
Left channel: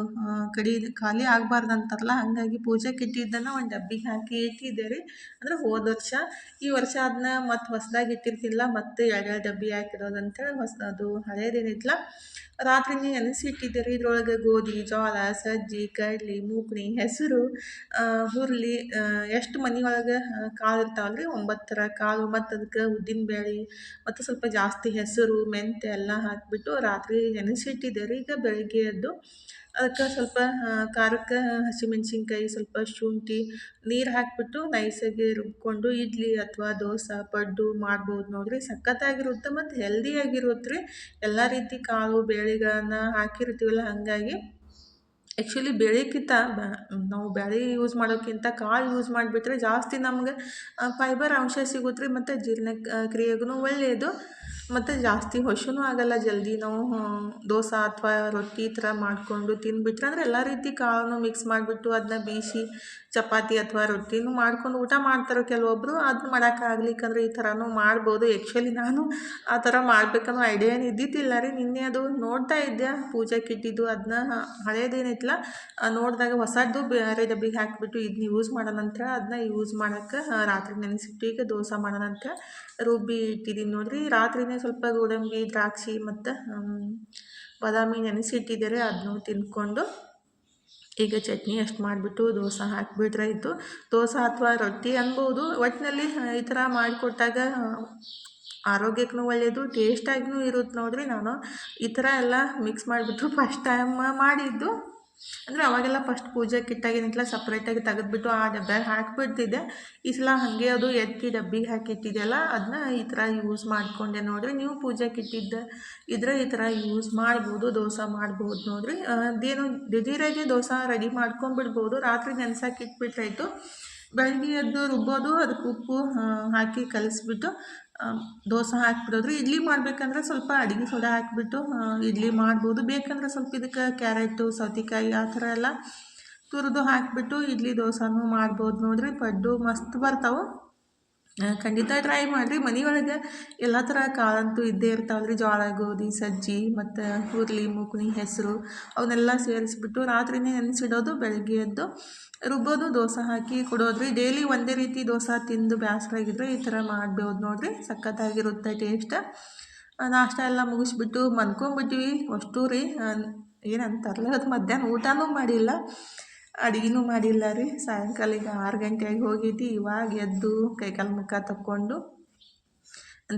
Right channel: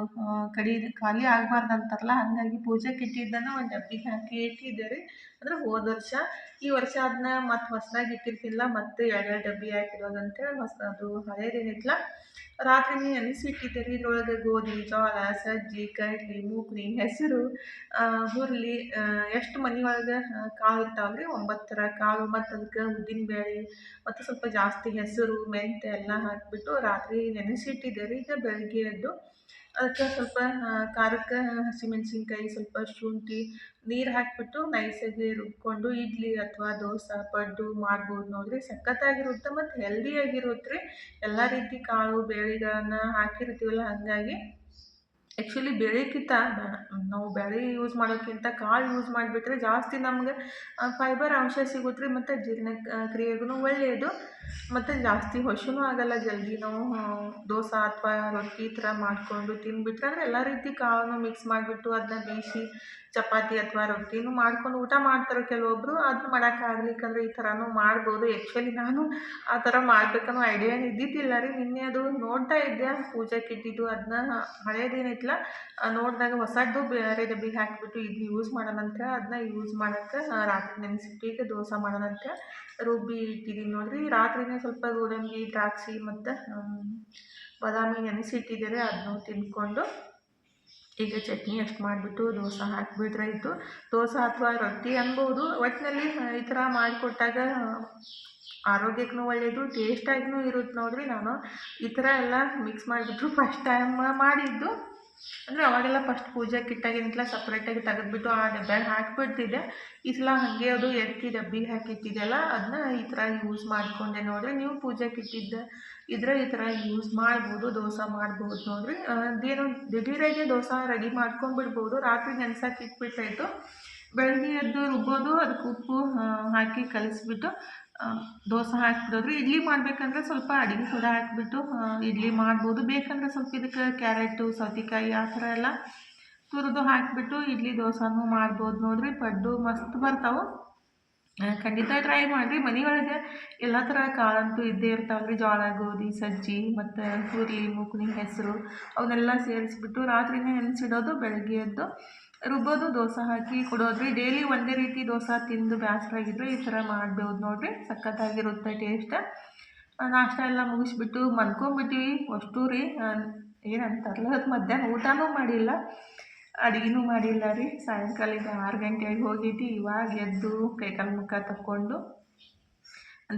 ಖಾಲಿ ಆಗಬಾರ್ದು ಅಂತಾರಲ್ಲ, ಹಾಗಾಗಿ ಪೂಜೆಗೆ ಇಟ್ಟಿದ್ದನ್ನು ಒಂದು ಡಬ್ಬಿಗೆ ಹಾಕಿ ಇಟ್ಟಿದ್ದೆ ರೀ. ಅಂದರೆ ಹೋದ ವರ್ಷ. ಈ ವರ್ಷ ಅದನ್ನ ಮತ್ತು ಹೊಸದಾಗಿ ಇಟ್ಟಿರ್ತಿಲ್ಲ, ಮತ್ತು 2 ಡಬ್ಬಿ ಹಾಕಿಡೋದು ಅಂತೇಳಿ ಅದು ಹಳೇದೇನಿತ್ತಲ್ಲ ರಾತ್ರಿನೇ ನೆನೆಸಿಟ್ಟಿದ್ದೆ ರೀ. ಇದ್ರೊಳಗೆ ಗೋಧಿ, ಜೋಳ, ಸಜ್ಜಿ, ಕಡ್ಲೆ, ಮೂಕ್ಣಿ, ಹೆಸರು, ಹುರುಳಿ, ಎಷ್ಟು ಮನೆಯೊಳಗೆ ಕಾಳು ಇರ್ತಾವಲ್ಲ ರೀ 9 ಥರ ಕಾಳು, ಮತ್ತು ಅದಕ್ಕೆ ಉದ್ದಿನಬೇಳೆ ಮತ್ತು ಸ್ವಲ್ಪ ಜಾಸ್ತಿ ಹೆಸರು, ಮೆಂತ್ಯ ಎಲ್ಲ ಹಾಕಿಬಿಟ್ಟು ರಾತ್ರಿ ನೆನೆಸಿಟ್ಟಿದ್ದೆ ರೀ. ಈಗ ಬೆಳಗ್ಗೆ ಎದ್ದು ಅದಕ್ಕೆ ಸ್ವಲ್ಪ ಖಾರಕ್ಕೆ ಹಸಿಮೆಣ್ಸಿನ್ಕಾಯಿ, ಸ್ವಲ್ಪ ಶುಂಠಿ, ನೀರು ಹಾಕಿಬಿಟ್ಟು ನೈಸಾಗಿ ರುಬ್ಕೊಂಡು ಇಡ್ಲಿ ಅಥವಾ ದೋಸೆ, ಪಡ್ಡು ಮಾಡ್ಬೋದು ನೋಡಿರಿ. ಸಖತ್ತಾಗಿರುತ್ತೆ ಮತ್ತು ಹೆಲ್ದಿಯಾಗಿರುತ್ತೆ ರೀ. ಎಲ್ಲ ರೀತಿ ಕಾಳು ಬೇಳೆಗಳನ್ನು ಹಾಕಿರ್ತೀವಲ್ಲ, ಹಾಗಾಗಿ ಆ್ಯಕ್ಚುಲಿ ಬೇಳೆಕ್ಕಿಂತ ನಾವು ಬೇಳೆ ಯೂಸ್ ಮಾಡೋಕ್ಕಿಂತ ಕಾಳು ಯೂಸ್ ಮಾಡಿಬಿಟ್ರೆ ಜಾಸ್ತಿ ನಮ್ಗೆ ಫೈಬರ್ ಅಂಶ ಸಿಗುತ್ತೆ ರೀ, ಮತ್ತು ಜೀರ್ಣ ಕ್ರಿಯೆಗೂ ಒಳ್ಳೆಯದು. ಮತ್ತು ಜಾಸ್ತಿ ಹಸಿನೂ ಆಗಲ್ಲ ಜಲ್ದಿ. ನಾವು ದೋಸೆ ಅಥವಾ ರೊಟ್ಟಿ ಈ ಥರ ಮಾಡಿಕೊಂಡು ತಿಂದುಬಿಟ್ರೆ ಅಂದರೆ ಎಲ್ಲ ರೀತಿ ಕಾಳನ್ನು ಮಿಕ್ಸ್ ಮಾಡಿಬಿಟ್ಟು ಅದನ್ನ ಬೇಯಿಸಿ ಚಪಾತಿ ಅಥವಾ ರೊಟ್ಟಿನೂ ಮಾಡ್ಕೊಂಡು ಊಟ ಮಾಡ್ತಾರೆ ಕೆಲವೊಬ್ಬರು. ಅದನ್ನ ಮಾಡೋಕ್ಕಾಗ್ಲಿಕ್ಕಂದ್ರೆ ಈ ಥರನೂ ಮಾಡ್ಬೋದು. ಆ್ಯಕ್ಚುಲಿ ನಾನು ಆ ಥರ ಮಾಡ್ಬೇಕನ್ನೋ ಐಡಿಯಾ ಏನು ಇದ್ದಿದ್ದಿಲ್ಲ ರೀ. ನಿನ್ನೆ ಅದು ನೋಡ್ತಾ ಇದ್ದೆ ಪೂಜೆಗೆ ಇಟ್ಟಿದ್ದು, ಅದನ್ನ ಹಳೇದೇನಿತ್ತಲ್ಲ ನೋಡಿದಾಗ ಹೊಸದು ಬೇರೆ ಡಬ್ಬಿಗೆ ಹಾಕಿಬಿಟ್ಟು ಇದನ್ನ ಯೂಸ್ ಮಾಡೋಣಂತ ಅದನ್ನ ಯೂಸ್ ಮಾಡೋಕ್ಕೆ ರಾತ್ರಿ ನೆನೆಸಿಟ್ಟು ಈಗ ದೋಸೆ ಮಾಡೋಣಂತ ರುಬ್ಬಿ ಇಟ್ಟಿದ್ದೀನಿ ನೋಡಿರಿ. ರಾತ್ರಿನೇ ಸ್ವಲ್ಪ ಗೋಡಂಬಿ, ದ್ರಾಕ್ಷಿ ಮತ್ತು ಬಾದಾಮಿ ನೆನೆಸಿಟ್ಟಿದ್ದಾರೆ, ಅದನ್ನು ತಿಂದ್ಕೊಂಡು ಈಗ ಚಟ್ನಿ ಅಷ್ಟು ಮಾಡಿಬಿಟ್ಟು ದೋಸೆ ಹಾಕಿಬಿಟ್ರೆ ಆಯಿತು. ದೋಸೆ ಅಥವಾ ರೊಟ್ಟಿ ಅನ್ಬೋದು. ಒಟ್ಟಿನಲ್ಲಿ ಈ ಥರ ಮಾಡಿಕೊಟ್ಟಾಗ ಆರೋಗ್ಯಕ್ಕೂ ಒಳ್ಳೆಯದು, ಟೇಸ್ಟಾಗಿಯೂ ಇರುತ್ತೆ ನೋಡಿರಿ. ನಾನು ಈ ಥರ ಎಲ್ಲ ಮಿಕ್ಸ್ ಮಾಡಿಬಿಟ್ಟು ಫಸ್ಟ್ ಟೈಮ್ ಮಾಡಿದ್ದು. ಅಂದರೆ ಅವಾಗೆಲ್ಲ ಫಸ್ಟ್ ಪೂಜೆಗೆ ಇಟ್ಟಾಗೇನಿತ್ತಲ್ಲ ಸಪ್ರೇಟಾಗಿ ತೆಗೆದ್ಬಿಟ್ಟು ಆ ಡಬ್ಬ್ಯಾಗ ಹಾಕಿಬಿಡ್ತಿದ್ದೆ. ಈ ಸಲ ಹಾಗೆ ಅದು ಎತ್ತಿ ಡಬ್ಬಿಗೆ ಹಾಕಿಟ್ಟಿದ್ದೆಲ್ಲ ಅದನ್ನ ಈ ಥರ ಯೂಸ್ ಮಾಡಿಕೊಂಡೆ ನೋಡಿರಿ. ನೀವು ಪೂಜೆಗೆ ಇಟ್ಟಿದ್ದ ಇದ್ರೆ ಈ ಥರ ಯೂಸ್ ಮಾಡ್ಬೋದು, ದೋಸೆ ಮಾಡ್ಬೋದು ನೋಡಿರಿ. ಅದೇನು ದಿಢೀರಾಗಿ ದೋಸೆ ರೆಡಿ ಮಾಡ್ಕೊಂಡ್ಬಿಡ್ಬೋದು. ರಾತ್ರಿ ನೆನ್ಸಕ್ಕೆ ಇಟ್ಬಿಟ್ರಾಯ್ತು, ಬೆಳಗ್ಗೆ ಎದ್ದು ರುಬ್ಬೋದು, ಅದಕ್ಕೆ ಉಪ್ಪು ಹಾಕಿ ಕಲಿಸ್ಬಿಟ್ಟು ದೋಸೆ ಹಾಕ್ಬಿಡೋದ್ರಿ. ಇಡ್ಲಿ ಮಾಡಬೇಕಂದ್ರೆ ಸ್ವಲ್ಪ ಅಡುಗೆ ಸೋಡಾ ಹಾಕಿಬಿಟ್ಟು ಇಡ್ಲಿ ಮಾಡ್ಬೋದು. ಬೇಕಂದ್ರೆ ಸ್ವಲ್ಪ ಇದಕ್ಕೆ ಕ್ಯಾರೆಟು, ಸೌತೆಕಾಯಿ ಆ ಥರ ಎಲ್ಲ ತುರಿದು ಹಾಕಿಬಿಟ್ಟು ಇಡ್ಲಿ ದೋಸೆನೂ ಮಾಡ್ಬೋದು ನೋಡಿರಿ. ಪಡ್ಡು ಮಸ್ತ್ ಬರ್ತಾವೆ, ಖಂಡಿತ ಟ್ರೈ ಮಾಡಿರಿ. ಮನೆಯೊಳಗೆ ಎಲ್ಲ ಥರ ಕಾಳಂತೂ ಇದ್ದೇ ಇರ್ತಾವೆ ರೀ. ಜೋಳ, ಗೋಧಿ, ಸಜ್ಜಿ ಮತ್ತು ಹುರುಳಿ, ಮೂಕ್ಣಿ, ಹೆಸರು ಅವನ್ನೆಲ್ಲ ಸೇರಿಸ್ಬಿಟ್ಟು ರಾತ್ರಿನೇ ನೆನೆಸಿಡೋದು, ಬೆಳಗ್ಗೆ ಎದ್ದು ರುಬ್ಬೋದು, ದೋಸೆ ಹಾಕಿ ಕೊಡೋದ್ರಿ. ಡೈಲಿ ಒಂದೇ ರೀತಿ ದೋಸೆ ತಿಂದು ಬೇಸರಾಗಿದ್ರೆ ಈ ಥರ ಮಾಡ್ಬೋದು ನೋಡಿರಿ. ಸಖತ್ತಾಗಿರುತ್ತೆ ಟೇಸ್ಟ್. ನಾಷ್ಟ ಎಲ್ಲ ಮುಗಿಸ್ಬಿಟ್ಟು ಮಲ್ಕೊಂಬಿಟ್ಟಿವಿ ಅಷ್ಟು ರೀ. ಏನಂತಾರಲ್ಲ ಅದು ಮಧ್ಯಾಹ್ನ ಊಟನೂ ಮಾಡಿಲ್ಲ, ಅಡುಗೆನೂ ಮಾಡಿಲ್ಲ ರೀ. ಸಾಯಂಕಾಲ ಈಗ 6 ಗಂಟೆಗೆ ಹೋಗೈತಿ. ಇವಾಗ ಎದ್ದು ಕೈಕಾಲು ಮುಖ ತಕ್ಕೊಂಡು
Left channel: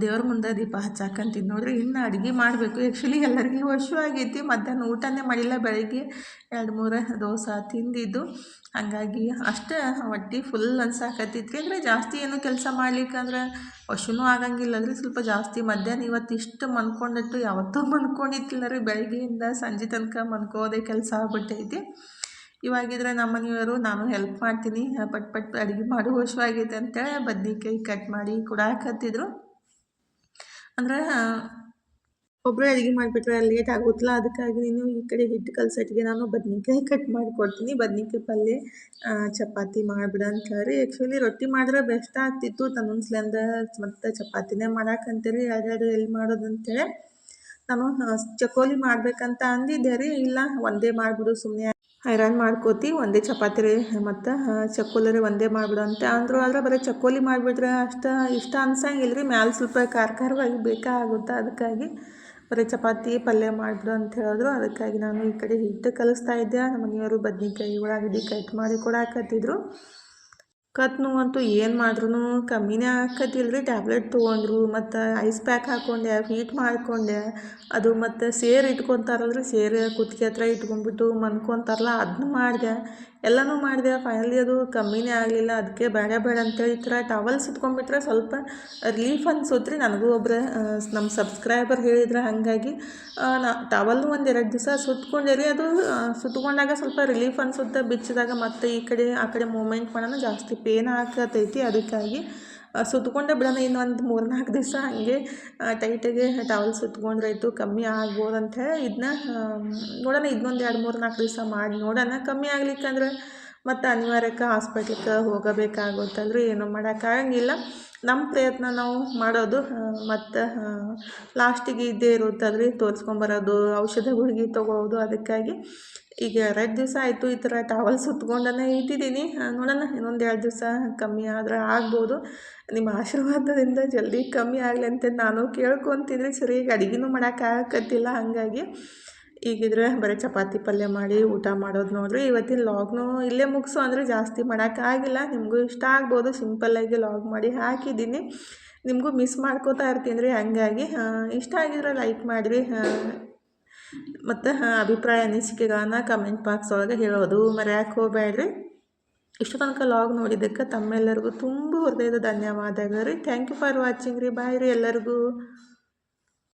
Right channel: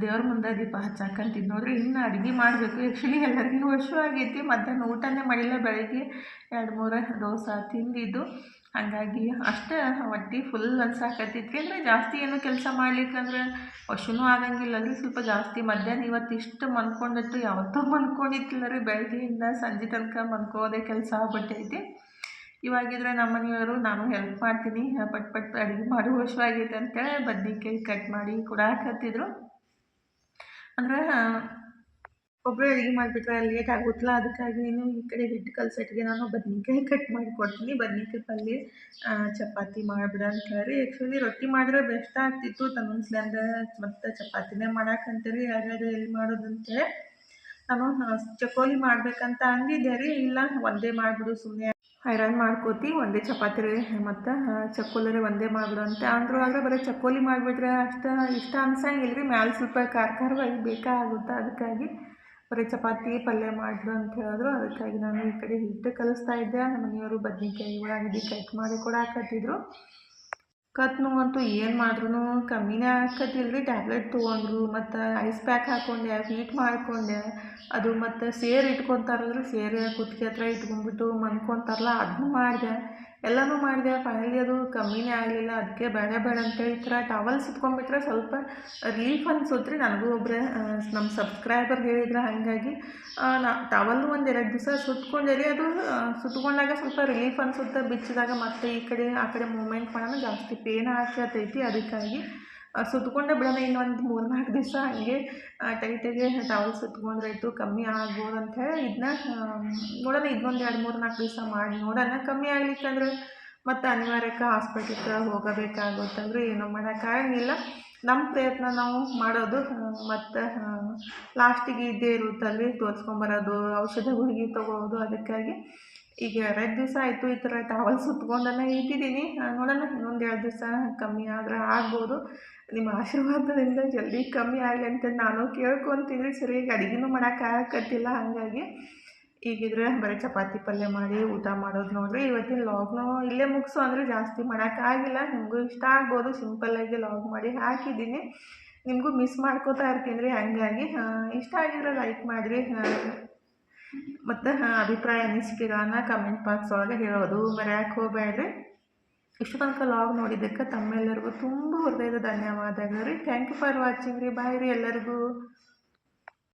ದೇವ್ರ ಮುಂದೆ ದೀಪ ಹಚ್ಚಾಕಂತಿದ್ದು ನೋಡಿರಿ. ಇನ್ನು ಅಡುಗೆ ಮಾಡಬೇಕು. ಆ್ಯಕ್ಚುಲಿ ಎಲ್ಲರಿಗೂ ಆಗೈತಿ. ಮಧ್ಯಾಹ್ನ ಊಟನೇ ಮಾಡಿಲ್ಲ, ಬೆಳಗ್ಗೆ 2-3 ದೋಸೆ ತಿಂದಿದ್ದು. ಹಾಗಾಗಿ ಅಷ್ಟೇ ಹೊಟ್ಟೆ ಫುಲ್ ಅನ್ಸಾಕತ್ತೈತಿ. ಅಂದರೆ ಜಾಸ್ತಿ ಏನು ಕೆಲಸ ಮಾಡ್ಲಿಕ್ಕಂದ್ರೆ ಹಸಿನೂ ಆಗಂಗಿಲ್ಲಲ್ರಿ. ಸ್ವಲ್ಪ ಜಾಸ್ತಿ ಮಧ್ಯಾಹ್ನ ಇವತ್ತು ಇಷ್ಟು ಮನ್ಕೊಂಡಿಟ್ಟು ಯಾವತ್ತೂ ಮನ್ಕೊಂಡಿತ್ತಿಲ್ಲ ರೀ. ಬೆಳಗ್ಗೆಯಿಂದ ಸಂಜೆ ತನಕ ಮನ್ಕೋದೇ ಕೆಲಸ ಆಗ್ಬಿಟ್ಟೈತಿ. ಇವಾಗಿದ್ರೆ ನಮ್ಮ ಮನೆಯವರು ನಾನು ಹೆಲ್ಪ್ ಮಾಡ್ತೀನಿ, ಪಟ್ ಅಡುಗೆ ಮಾಡಿ ಆಗೈತೆ ಅಂತೇಳಿ ಬದ್ನಿಕಾಯಿ ಕಟ್ ಮಾಡಿ ಕೊಡಾಕತ್ತಿದ್ರು. ಅಂದರೆ ಒಬ್ಬರೇ ಅಡುಗೆ ಮಾಡಿಬಿಟ್ರೆ ಲೇಟ್ ಆಗುತ್ತಲ್ಲ, ಅದಕ್ಕಾಗಿ ನೀನು ಈ ಕಡೆ ಹಿಟ್ಟು ಕಲ್ಸಟ್ಟಿಗೆ ನಾನು ಬದ್ನಿಕಾಯಿ ಕಟ್ ಮಾಡಿ ಕೊಡ್ತೀನಿ, ಬದ್ನಿಕಾಯಿ ಪಲ್ಯ ಚಪಾತಿ ಮಾಡಿಬಿಡ ಅಂತ ಹೇಳಿ. ಆ್ಯಕ್ಚುಲಿ ರೊಟ್ಟಿ ಮಾಡಿದ್ರೆ ಬೆಸ್ಟ್ ಆಗ್ತಿತ್ತು, ತನ್ನೊಂದ್ಸಲಿಂದ ಮತ್ತು ಚಪಾತಿನೇ ಮಾಡಾಕಂತೀರಿ, ಎರಡು ಎಲ್ಲಿ ಮಾಡೋದಂತೇಳಿ ನಾನು ಚಕೋಲಿ ಮಾಡಬೇಕಂತ ಅಂದಿದ್ದೆ ರೀ. ಇಲ್ಲ ಒಂದೇ ಮಾಡಿಬಿಡು ಸುಮ್ಮನೆ ಐರನ್ ಮಾಡ್ಕೋತಿ ಒಂದೇ ಚಪಾತಿ ರೀ ಮತ್ತು ಚಕ್ಕೋಲಿ ರೀ ಒಂದೇ ಮಾಡಿಬಿಡು ಅಂತ ಅಂದರು. ಆದರೆ ಬರೀ ಚಕ್ಕೋಲಿ ಮಾಡಿಬಿಟ್ರೆ ಅಷ್ಟು ಇಷ್ಟ ಅನ್ಸಂಗಿಲ್ಲ ರೀ, ಮ್ಯಾಲೆ ಸ್ವಲ್ಪ ಖಾರವಾಗಿ ಬೇಕಾಗುತ್ತೆ. ಅದಕ್ಕಾಗಿ ಬರೀ ಚಪಾತಿ ಪಲ್ಯ ಮಾಡಿಬಿಡು ಅಂತ ಹೇಳಿದ್ರು. ಅದಕ್ಕಾಗಿ ನಾನು ಈ ಕಡೆ ಹಿಟ್ಟು ಕಲಿಸ್ತಾ ಇದ್ದೆ. ನಮ್ಮ ಮನೆಯವರು ಬದ್ನೆಕಾಯಿ ಉಳ್ಳಾಗಡ್ಡಿ ಕಟ್ ಮಾಡಿ ಕೊಡಾಕತ್ತಿದ್ರು. ಕತ್ತು ನೋವಂತೂ ಏನು ಮಾಡ್ರೂ ಕಮ್ಮಿನೇ ಆಕತಿಲ್ಲ ರೀ. ಟ್ಯಾಬ್ಲೆಟ್ ತೊಗೊಂಡ್ರು ಮತ್ತು ಐಸ್ ಪ್ಯಾಕ್ ಹಾಕ್ಕೊಂಡೆ, ಹೀಟ್ ಮಾಡಿಕೊಂಡೆ. ಅದು ಮತ್ತು ಸೇರು ಇಟ್ಕೊತಾರಲ್ರಿ, ಸೇರು ಕುತ್ತಿಗೆ ಹತ್ರ ಇಟ್ಕೊಂಡ್ಬಿಟ್ಟು ಮನ್ಕೊತಾರಲ್ಲ, ಅದನ್ನೂ ಮಾಡಿದೆ. ಎಲ್ಲನೂ ಮಾಡಿದೆ. ಫೈನಲಿ ಅದು ಕಮ್ಮಿನೇ ಆಗಲಿಲ್ಲ. ಅದಕ್ಕೆ ಬೇಡ ಅಂತೇಳಿ ಈ ಥರ ಟವಲ್ ಸುತ್ಕೊಂಡ್ಬಿಟ್ರೆ ಸ್ವಲ್ಪ ರಿಲೀಫ್ ಅನ್ಸುತ್ತೆ ರೀ. ನನಗೂ ಒಬ್ಬರು ನಮ್ಮ ಸಬ್ಸ್ಕ್ರೈಬರ್ ಹೇಳಿದ್ರೆ, ಹಾಗಾಗಿ ಟವಲ್ಲು ಒಂದು 2 ದಿವಸ ಸುತ್ಕೊಂಡೆ ರೀ. ಅದು ಸುತ್ಕೊಂಡಾಗ ಸ್ವಲ್ಪ ರಿಲೀಫ್ ಅನಿಸುತ್ತೆ. ಬಿಚ್ಚಿದಾಗ ಮತ್ತು ಈ ಕಡೆ ಆ ಕಡೆ ಮೂಮೆಂಟ್ ಮಾಡೋಣ ಜಾಸ್ತಿ ಪೇನ್ ಆಗ್ತೈತಿ. ಅದಕ್ಕಾಗಿ ಸುತ್ಕೊಂಡೆ ಬಿಡೋಣ, ಇನ್ನೊಂದು 3-4 ದಿವಸ ಹಾಗೆ ಟೈಟಾಗಿ ಟವಲ್ ಸುತ್ಕೊಂಡ್ರಾಯ್ತು, ಕಮ್ಮಿ ಆಗ್ಬೋದು ಅಂಥೇಳಿ ಇದನ್ನ ನೋಡೋಣ. ಇನ್ನೊಂದು 2-3-4 ದಿವಸ ಮಾಡಿ ನೋಡೋಣ. ಕಮ್ಮಿ ಆಗ್ಲಿಕ್ಕಂದ್ರೆ ಮತ್ತು ಅನಿವಾರ್ಯಕ್ಕೆ ಹಾಸ್ಪಿಟ್ಲಿಗೆ ಹೋಗಬೇಕಾಗುತ್ತಲ್ರಿ. ಏನೂ ಮಾಡೋಕ್ಕಾಗಂಗಿಲ್ಲ. ನಮ್ಮ ಪ್ರಯತ್ನ ನಾವು ಮಾಡೋದು ಮತ್ತು ಲಾಸ್ಟಿಗೆ ಇದ್ದೇ ಇರುತ್ತಲ್ರಿ, ತೋರಿಸ್ಕೊಂಬರೋದು, ಔಷಧ ಗುಳಿಗೆ ತೊಗೊಳ್ಳೋದು. ಅದಕ್ಕಾಗಿ ಈಗ 2 ದಿವಸ ಆಯಿತು ಈ ಥರ ಟವಲ್ ಸುತ್ಕೊಂಡೇ ಇಟ್ಟಿದ್ದೀನಿ. ನೋಡೋಣ, ಇನ್ನೊಂದು 2 ದಿವಸ ಕಮ್ಮಿ ಆದರೆ ಆಗ್ಬೋದು. ನಿಮ್ಮ ಆಶೀರ್ವಾದದಿಂದ ಜಲ್ದಿ ಕಮ್ಮಿ ಆಗಲಿ ಅಂತ ನಾನು ಕೇಳ್ಕೊತೀನಿ. ಸರಿಯಾಗಿ ಅಡುಗೆನೂ ಮಾಡೋಕ್ಕಾಗತ್ತಿಲ್ಲ. ಹಾಗಾಗಿ ಈಗಿದ್ರೆ ಬರೀ ಚಪಾತಿ ಪಲ್ಯ ಮಾಡಿ ಊಟ ಮಾಡೋದು ನೋಡಿರಿ. ಇವತ್ತಿನ ಲಾಗ್ನೂ ಇಲ್ಲೇ ಮುಗಿಸು ಅಂದರೆ ಜಾಸ್ತಿ ಮಾಡೋಕ್ಕಾಗಿಲ್ಲ. ನಿಮಗೂ ಇಷ್ಟ ಆಗ್ಬೋದು, ಸಿಂಪಲ್ಲಾಗಿ ಲಾಗ್ ಮಾಡಿ ಹಾಕಿದ್ದೀನಿ. ನಿಮಗೂ ಮಿಸ್ ಮಾಡ್ಕೋತಾ ಇರ್ತೀನಿ ರೀ. ಹಾಗಾಗಿ ಇಷ್ಟ ಆಗಿದ್ರೆ ಲೈಕ್ ಮಾಡಿರಿ ಮತ್ತು ಅಭಿಪ್ರಾಯ ಅನಿಸಿಕೆಗಳನ್ನು ಕಮೆಂಟ್ ಬಾಕ್ಸ್ ಒಳಗೆ ಹೇಳೋದು ಮರೆಯೋಕ್ಕೆ ಹೋಗಬೇಡ್ರಿ. ಇಷ್ಟು ತನಕ ಲಾಗ್ ನೋಡಿದ್ದಕ್ಕೆ ತಮ್ಮೆಲ್ಲರಿಗೂ ತುಂಬ ಹೃದಯದ ಧನ್ಯವಾದಗಳು ರೀ. ಥ್ಯಾಂಕ್ ಯು ಫಾರ್ ವಾಚಿಂಗ್ ರೀ. ಬಾಯ್ ರೀ ಎಲ್ಲರಿಗೂ.